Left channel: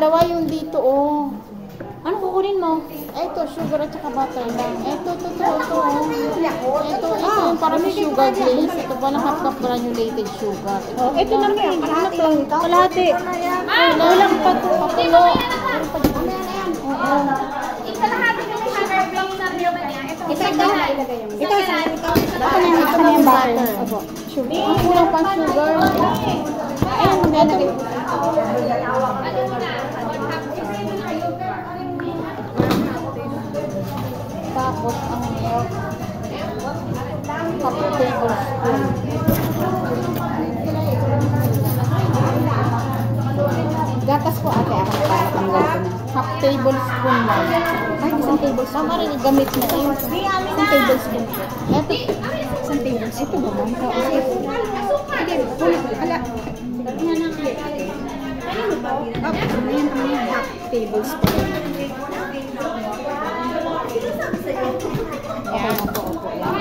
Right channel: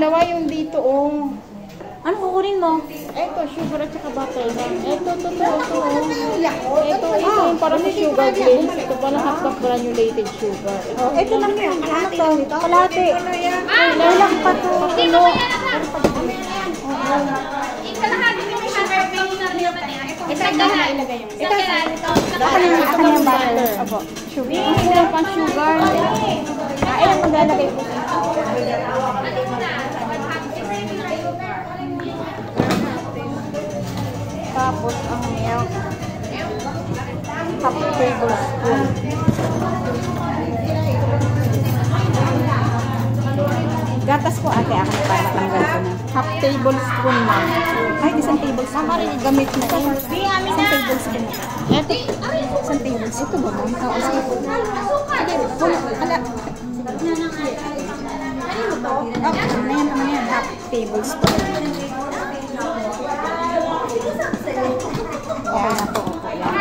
dalawa yung dito, oh. Ano kukunin mo? Ito, sugar at saka butter. Ito. Ito yung para sa sugar glaze. Ito pa lang half granulated sugar. Oh, ito na mo. Ano to? Kalahati. Kulang pa to. Hindi mo yan na. Ikalahati yung half na naman niya. Isang galay. Isang galay. Ako na yung butter. Opo. Sugar. Ang kulang pa sugar. Ayan, maganda kayo. Tapos ang milk. Half tablespoon. Gatas po ate ako para panggato na. Half tablespoon, ma'am. Ay, isang tablespoon. Mama, rin gamit na eh. Isang tablespoon. Ito. Isang tablespoon. Ito ba ba? Oo, sige. Sige, ala. Half tablespoon.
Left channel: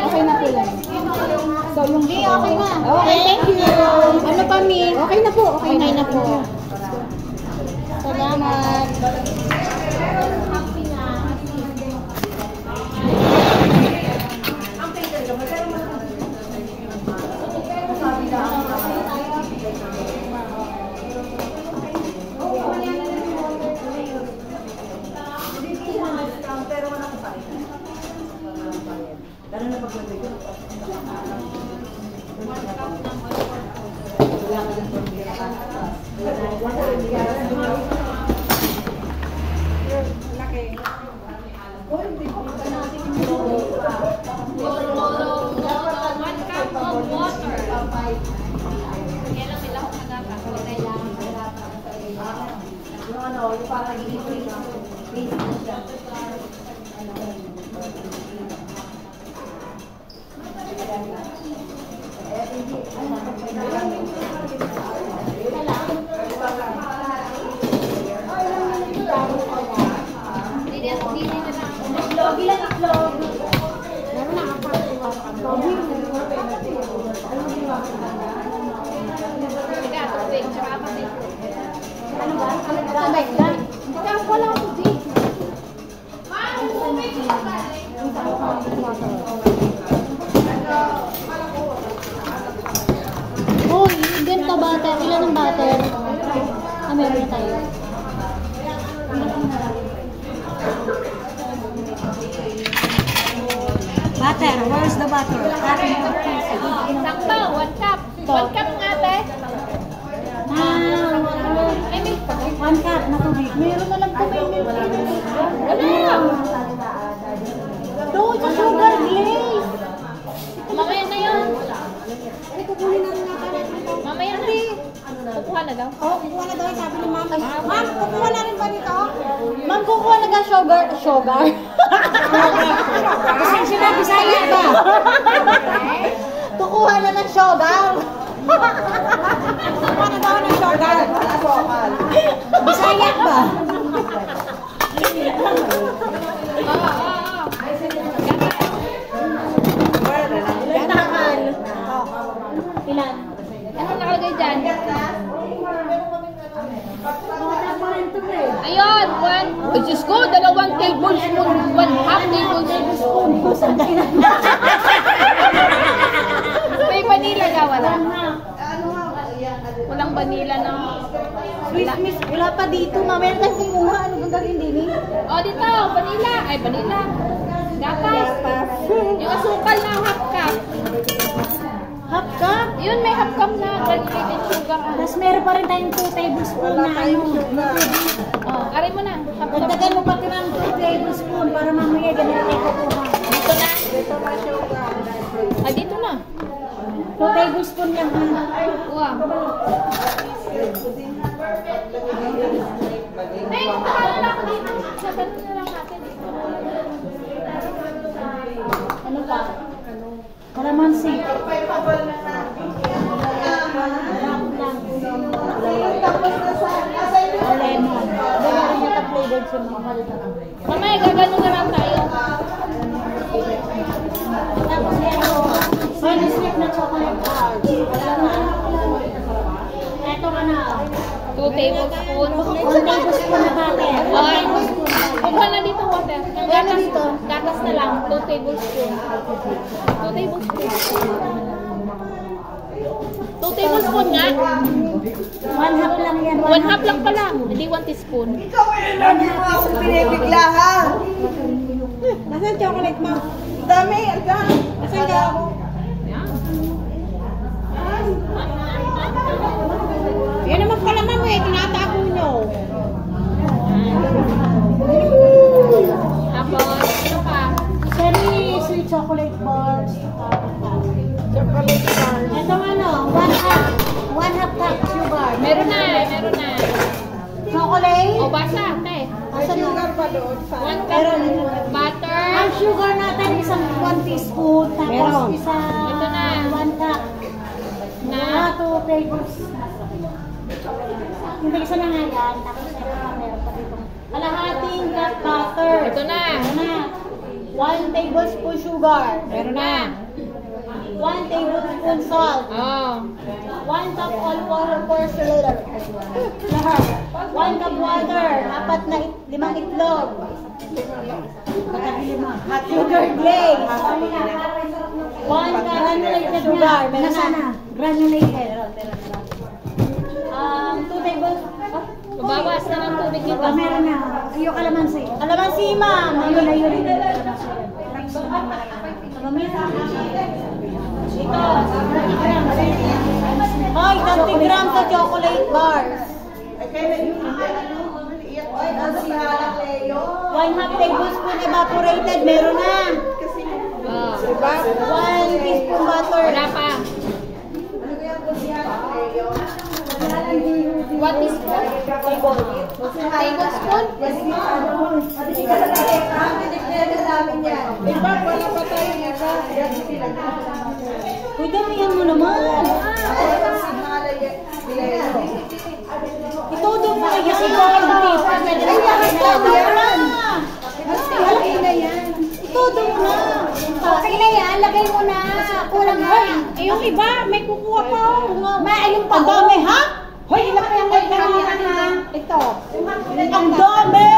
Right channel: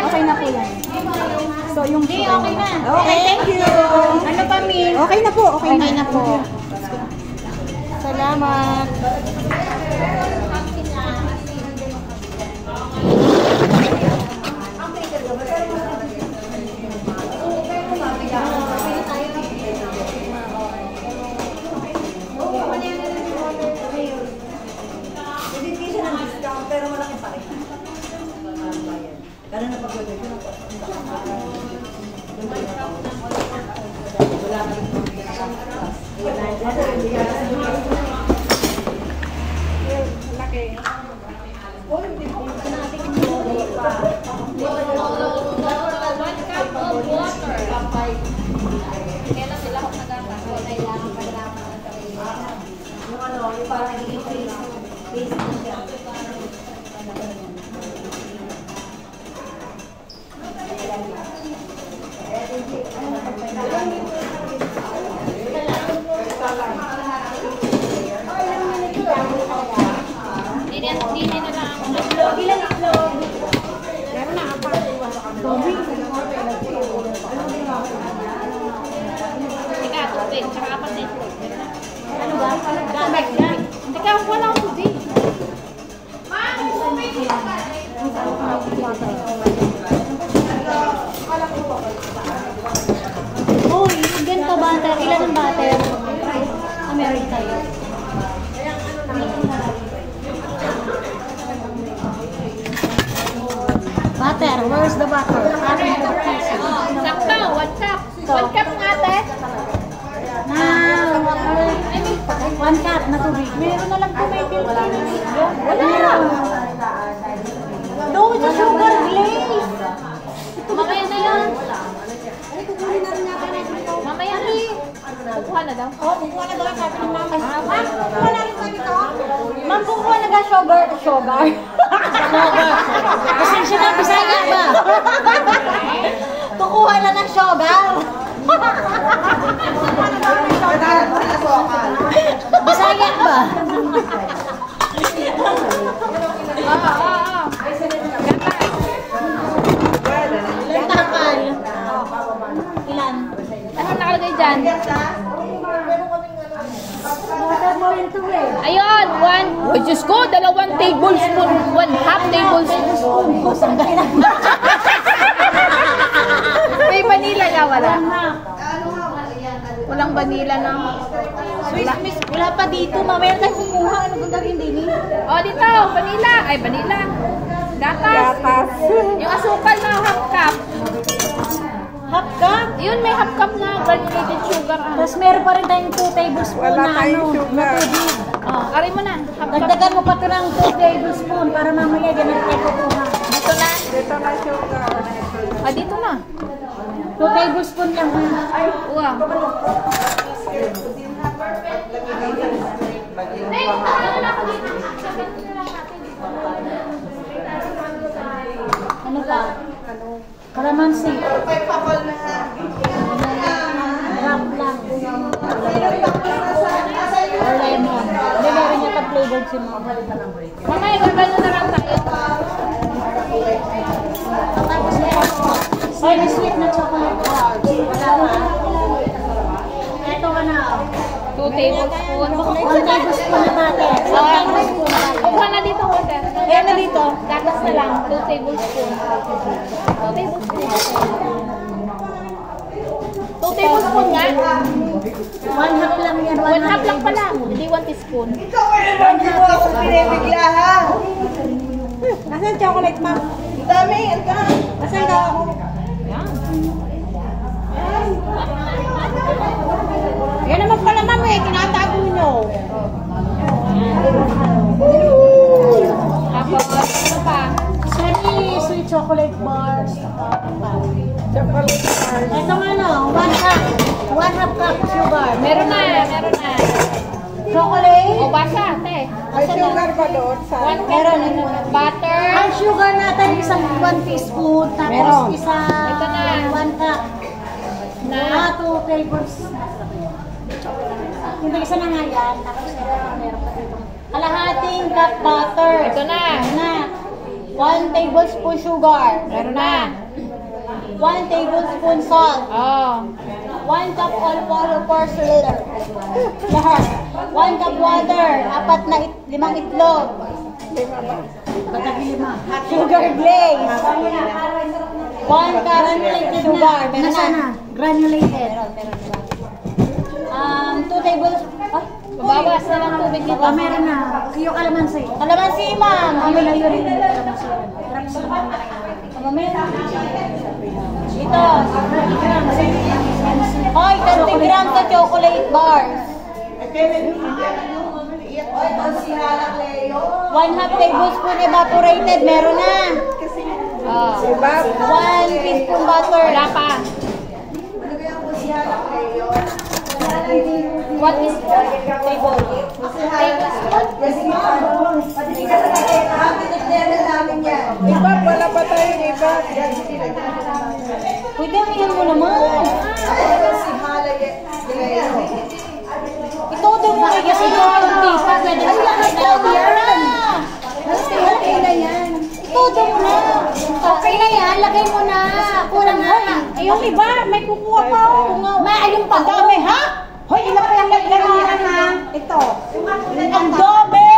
Okay na po yan. So, yung sugar na. Okay, thank you. Ano pa, Min? Okay na po. Okay na po. Salamat. Ano ba? Hindi ka ako lang ito din. Oh, ganito butter. Ilan ang butter? Meron tayo. Butter. Where is the butter? Sakto, 1 cup. 1 cup nga, te. One cup na tubig. Meron na lang po may milk dito. Wala. Doon sa sugar glaze. Mamaya na yan. Mamaya na. Kukuha na daw. Oh, kukuha na daw sabi ni Ma'am. Ma'am, kukuha na rin ba nito? Ma'am, kukuha na ka sugar. Sugar. Pasensya na, Bisaya ba? Kukuha na ng sugar. Bisaya ba? Lentakal. Ilan? Ano nakalagay dyan? Water mo rin ito eh. Ayun, 1. Oh, Diyos ko, 2 tablespoon. 1/2 tablespoon. May vanilla nga, wala. Walang vanilla na. Wala pa dito. Mamaya tayo kumuha. Ano kung darin din eh? Oh, dito, vanilla. Ay, vanilla. Gatas. Yung asukal na half cup. Half cup? Yun, may half cup na granulated sugar. Tapos meron pa rin tayong 2 tablespoon na ano, na tubig. Oh, aray mo na. Half cup. Dagdagan mo pa ito ng 2 tablespoon para mamaya ganun tayo kukuha. Dito na. Ah, dito na. 2 tablespoon lang. Wow. Ano pa? Kalamansi. Ram lang. Or lemon. Hindi meron yata flavored si Mama. Mamaya, gagano na lang tayo. Tapos meron pa. Fine sweet na chocolate bars. Wala na. Ito ka na. 2 tablespoon. 1 tablespoon na butter. 1 tablespoon na butter. Kukuha na dito water. Ayan na dito. Gatas na lang. 2 tablespoon. 2 tablespoon. 2 tablespoon nga. 1 half lang yan. 1 half lang pala. Hindi 1 teaspoon. Hindi mo ako pinibigla, ha? Nasaan chocolate, ma'am? Dami, Nasaan ka? Yan naman pala, ma'am, eh. Tinatago nyo. Tapos, ano pa? Semi-sweet chocolate bars. chocolate bar. Ito nga, no, 1 half. 1 half cup sugar. Meron na, meron na. Chocolate. O, basa, te. May sugar pa doon sa... 1 Meron. butter. Ang sugar natin, isang 1 teaspoon. Tapos Meron. isang Ito na. 1 cup. Na, 2 tables. Yung isa na nga yan. Tapos meron pa dito. Kalahating cup butter. ito na. Ito na. 1 tablespoon sugar. Meron na. 1 tablespoon salt. Oh. 1 cup all-purpose liter. Lahat. 1 cup water. 5 itlog. Sugar glaze. 1 cup sugar. Meron na. Granulated. 2 tablespoon. Babawas na lang tubig nito. Meron na. Yung kalamansi. Kalamansi, ma'am. Ayun. Ito, 30 grams. Hoy, 30 grams sa chocolate bars. 1 half tablespoon evaporated. Meron na. Oh. 1 teaspoon butter. Wala pa. 1 teaspoon. Iba, wala pa tayong iba. Pwede mo yan mo naman. Ito daw mo kasi yan. Ay, lahat daw yan. Okay na yan. Ito daw mo na. Okay na yan. Lagay mo na. Kulang na. Eh, yung iba, may kukuha pa. May ayun pa. Dami, ha? Hoy, ilan pa yung nagkakaroon na? Ito. Ang dami.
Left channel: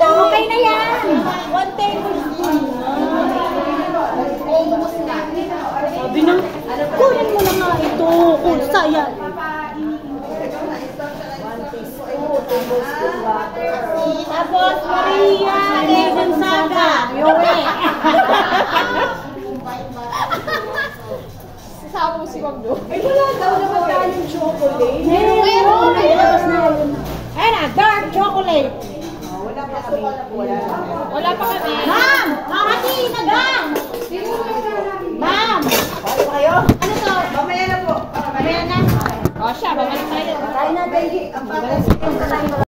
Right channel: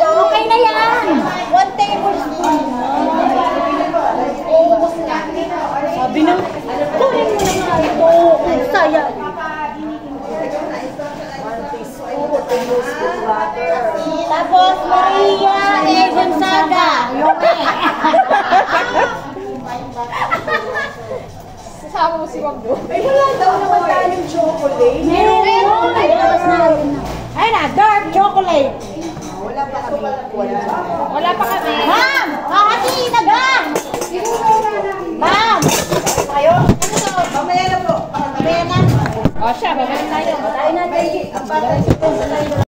Okay na yan. 1 tablespoon. Sabi na, kunin mo na nga ito. Kung sayang. Tapos, Maria Gonzaga. Yung Sasama mo si Wagdo. Ay, wala daw naman tayong chocolate. Meron yun. Ilabas na yun. Ayun na, dark chocolate. Wala pa kami. Ma'am! Kakati na ba? Ma'am! Ano to? Mamaya na po. Mamaya na. O siya, babalik tayo. Tayo na.